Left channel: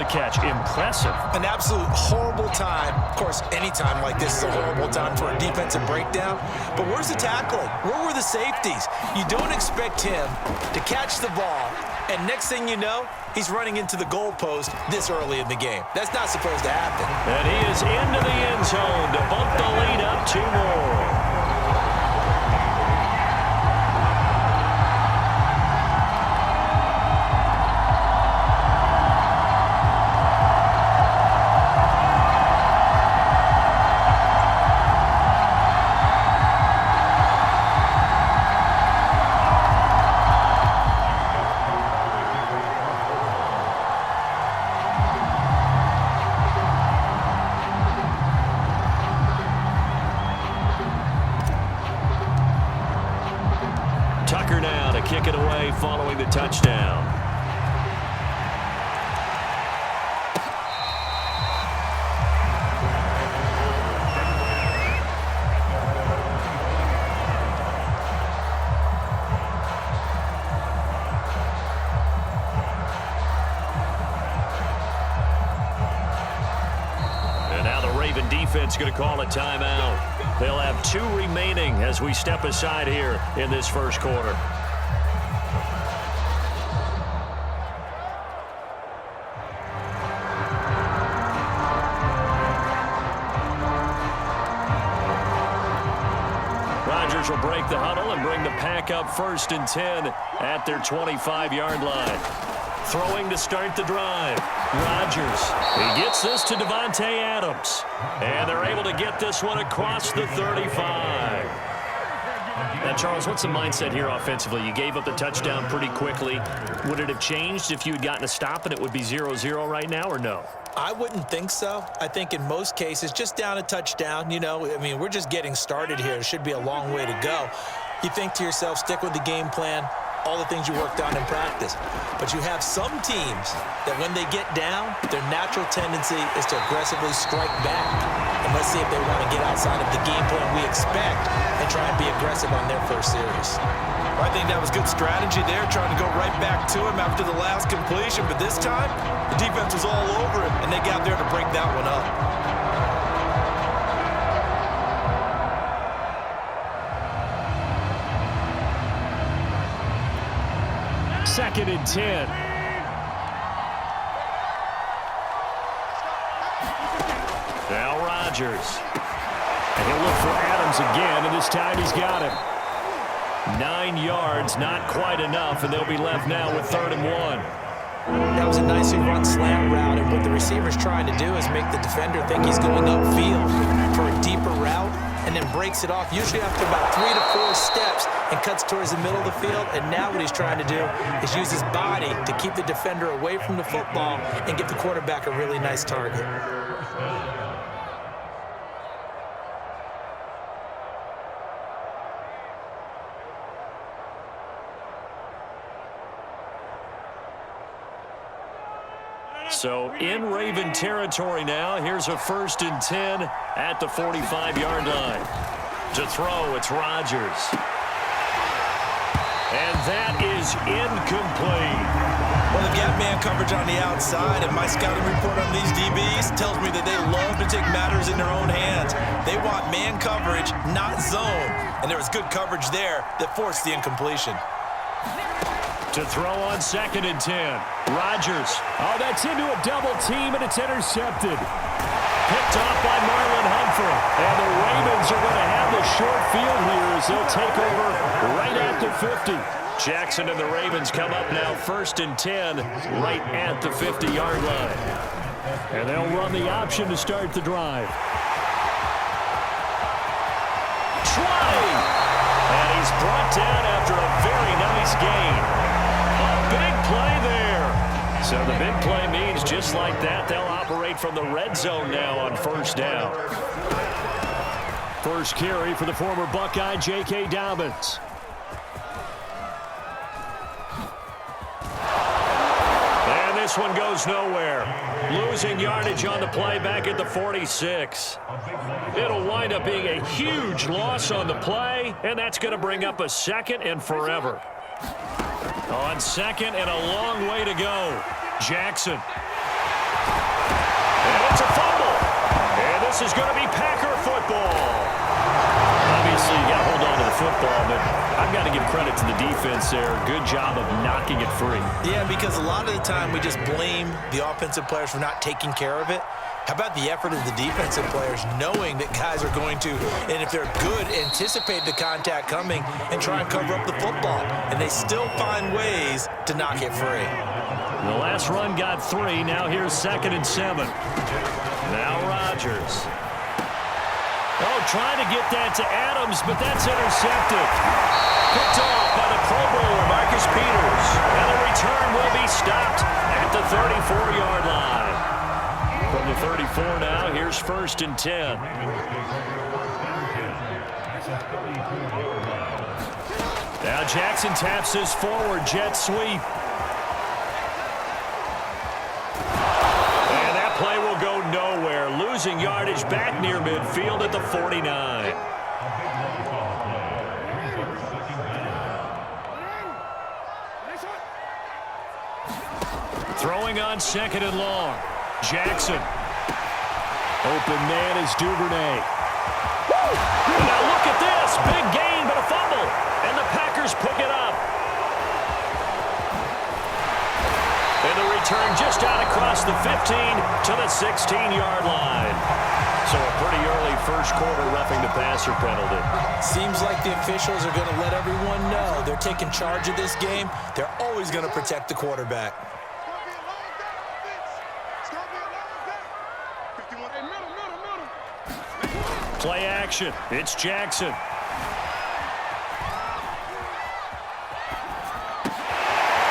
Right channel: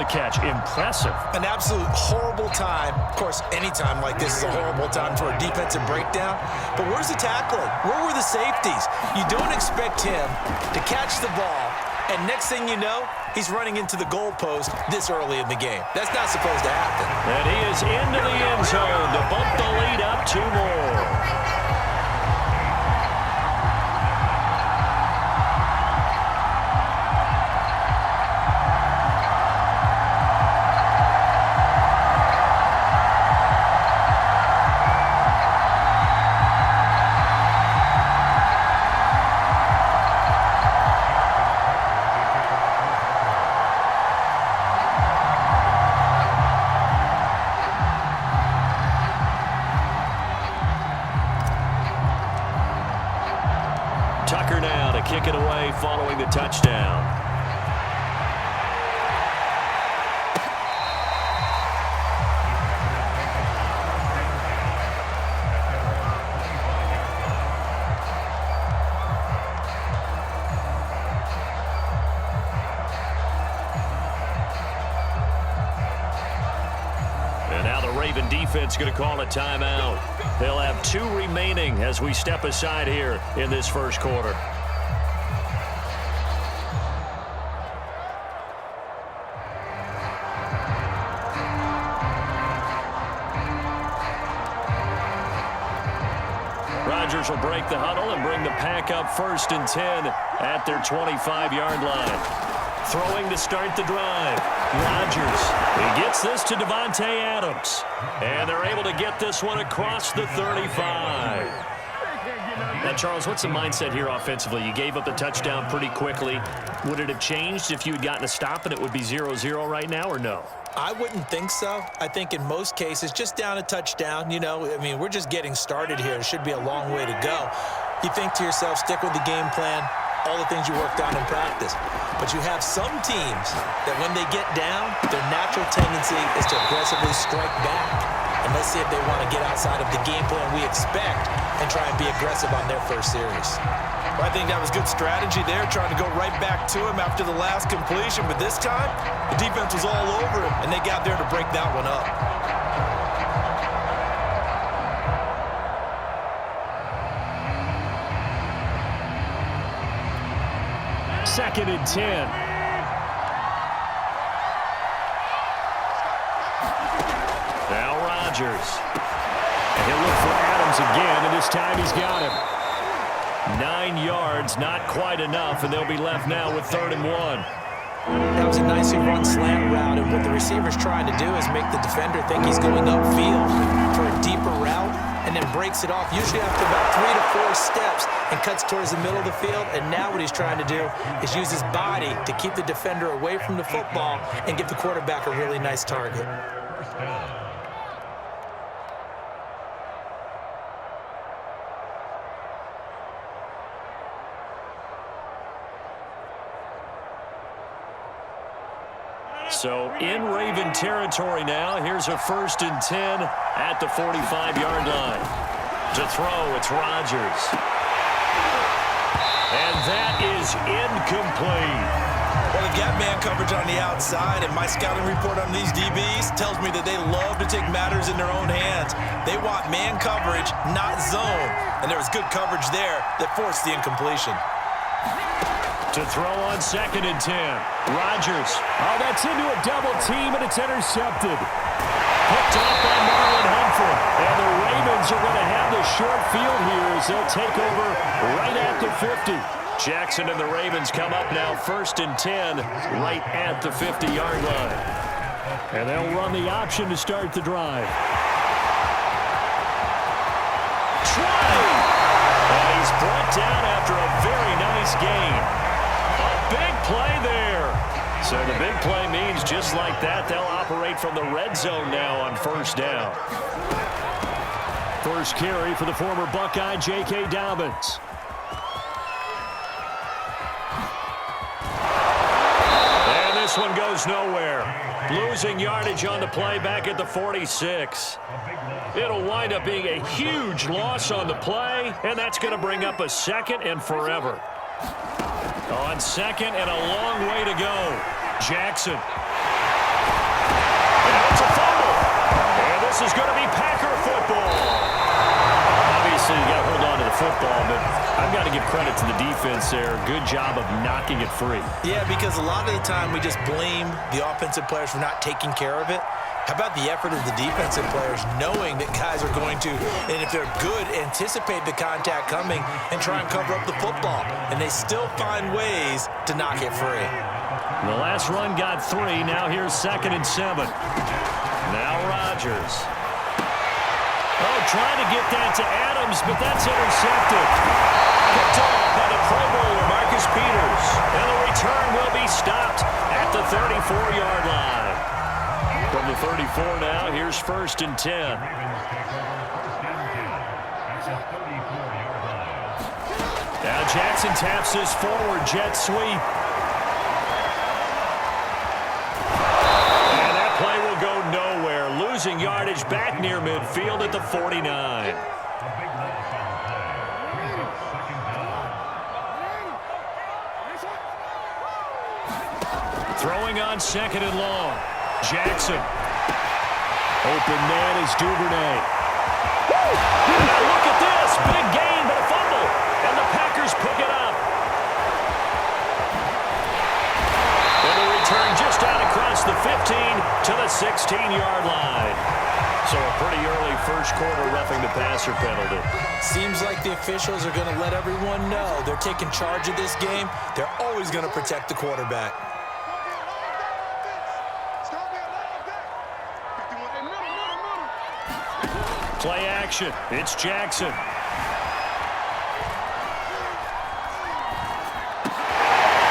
The catch, impressive. An absolute horrible time. Of course, any time like this is a horrible time for a defensive breakdown. But where's the tackling? Where were the safeties? You don't expect him to catch the ball, and next thing you know, he's running into the goalpost this early in the game. That's not supposed to happen. And he is into the end zone to bump the lead up 2 more. Tucker now to kick it away following the touchdown. And now the Raven defense going to call a timeout. They'll have 2 remaining as we step aside here in this first quarter. Rodgers will break the huddle and bring the pack up 1st and 10 at their 25-yard line. Throwing to start the drive. Rodgers. He gets this to Davante Adams. And they're able to get this one across the 35. Now, Charles, what's the mindset here offensively? You gave up the touchdown pretty quickly. Would it have changed if you had gotten a stop and it would be 0-0 right now, or no? I wouldn't think so. I think in most cases, just down a touchdown, we're just getting started here. It should be a long way to go. You think to yourself, stick with the game plan, all the things you worked on in practice. But you have some teams that when they get down, their natural tendency is to aggressively strike back. And let's see if they want to get outside of the game plan we expect and try and be aggressive on their first series. I think that was good strategy there, trying to go right back to him after the last completion. But this time, the defense was all over him, and they got there to break that one up. Second and 10. Now Rodgers. And he'll look for Adams again, and this time he's got him. 9 yards, not quite enough, and they'll be left now with 3rd and 1. That was a nicely run slant route, and what the receiver's trying to do is make the defender think he's going upfield for a deeper route, and then breaks it off, usually after about 3 to 4 steps, and cuts towards the middle of the field. And now what he's trying to do is use his body to keep the defender away from the football and give the quarterback a really nice target. So in Raven territory now. Here's a 1st and 10 at the 45-yard line. To throw, it's Rodgers. And that is incomplete. Well, they've got man coverage on the outside, and my scouting report on these DBs tells me that they love to take matters in their own hands. They want man coverage, not zone. And there was good coverage there that forced the incompletion. To throw on 2nd and 10. Rodgers. Oh, that's into a double team, and it's intercepted. Picked off by Marlon Humphrey. And the Ravens are going to have the short field here as they'll take over right at the 50. Jackson and the Ravens come up now 1st and 10 right at the 50-yard line. And they'll run the option to start the drive. Try! And he's brought down after a very nice gain. A big play there. So the big play means just like that, they'll operate from the red zone now on 1st down. First carry for the former Buckeye, J.K. Dobbins. And this one goes nowhere. Losing yardage on the play back at the 46. It'll wind up being a huge loss on the play, and that's going to bring up a 2nd and forever. On 2nd and a long way to go. Jackson. this is going to be Packer football. Obviously, you got to hold on to the football, but I've got to give credit to the defense there. Good job of knocking it free. Yeah, because a lot of the time we just blame the offensive players for not taking care of it. How about the effort of the defensive players knowing that guys are going to, and if they're good, anticipate the contact coming and try and cover up the football. And they still find ways to knock it free. The last run got 3. Now here's 2nd and 7. Now Rodgers. Oh, trying to get that to Adams, but that's intercepted. Picked off by the Pro Bowler, Marcus Peters. And the return will be stopped at the 34-yard line. From the 34 now, here's 1st and 10. Now Jackson taps his forward jet sweep. And that play will go nowhere. Losing yardage back near midfield at the 49. Throwing on 2nd and long. Jackson. Open man is Duvernay. And now look at this. Big gain, but a fumble. And the Packers pick it up. And the return just out across the 15 to the 16-yard line. So a pretty early first quarter roughing the passer penalty. Seems like the officials are going to let everyone know they're taking charge of this game. They're always going to protect the quarterback. Play action. It's Jackson.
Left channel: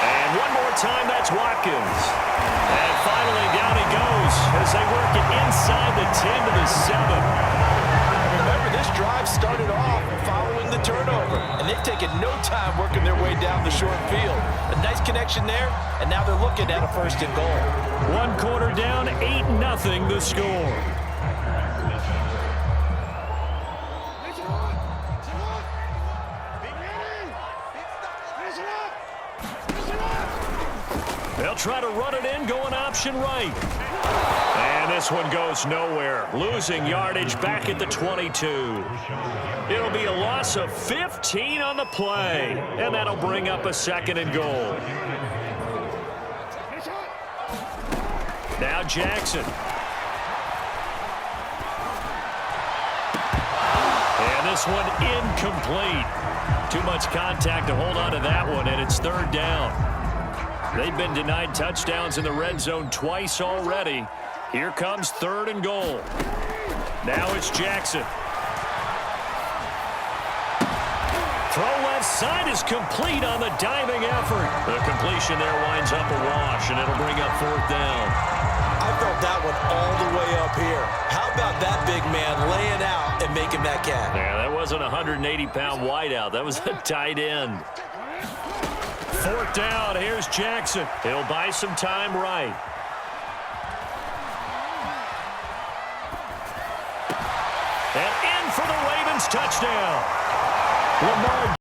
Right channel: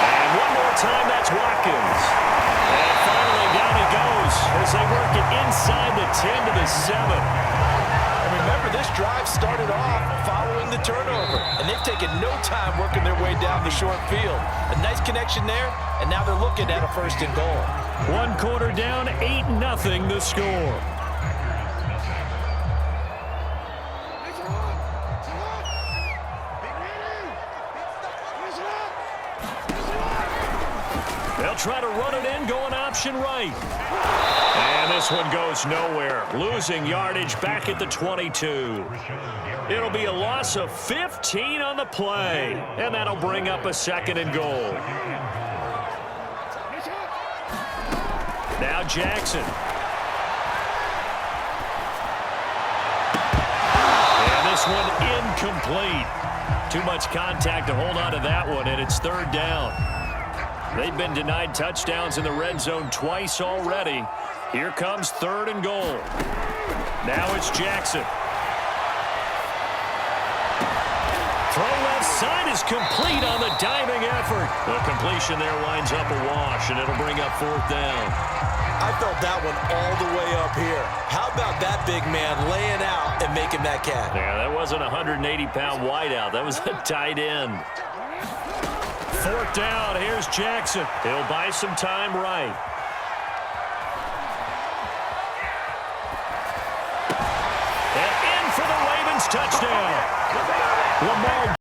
And one more time, that's Watkins. And finally, down he goes as they work it inside the 10 to the 7. And remember, this drive started off following the turnover, and they've taken no time working their way down the short field. A nice connection there, and now they're looking at a 1st and goal. 1 quarter down, 8-0 the score. They'll try to run it in, going option right. And this one goes nowhere. Losing yardage back at the 22. It'll be a loss of 15 on the play. And that'll bring up a 2nd and goal. Now Jackson. And this one incomplete. Too much contact to hold on to that one, and it's 3rd down. They've been denied touchdowns in the red zone twice already. Here comes 3rd and goal. Now it's Jackson. Throw left side is complete on the diving effort. The completion there winds up a wash, and it'll bring up 4th down. I felt that one all the way up here. How about that big man laying out and making that catch? Yeah, that wasn't a 180-pound wideout. That was a tight end. 4th down, here's Jackson. He'll buy some time right. And in for the Ravens touchdown. Lamar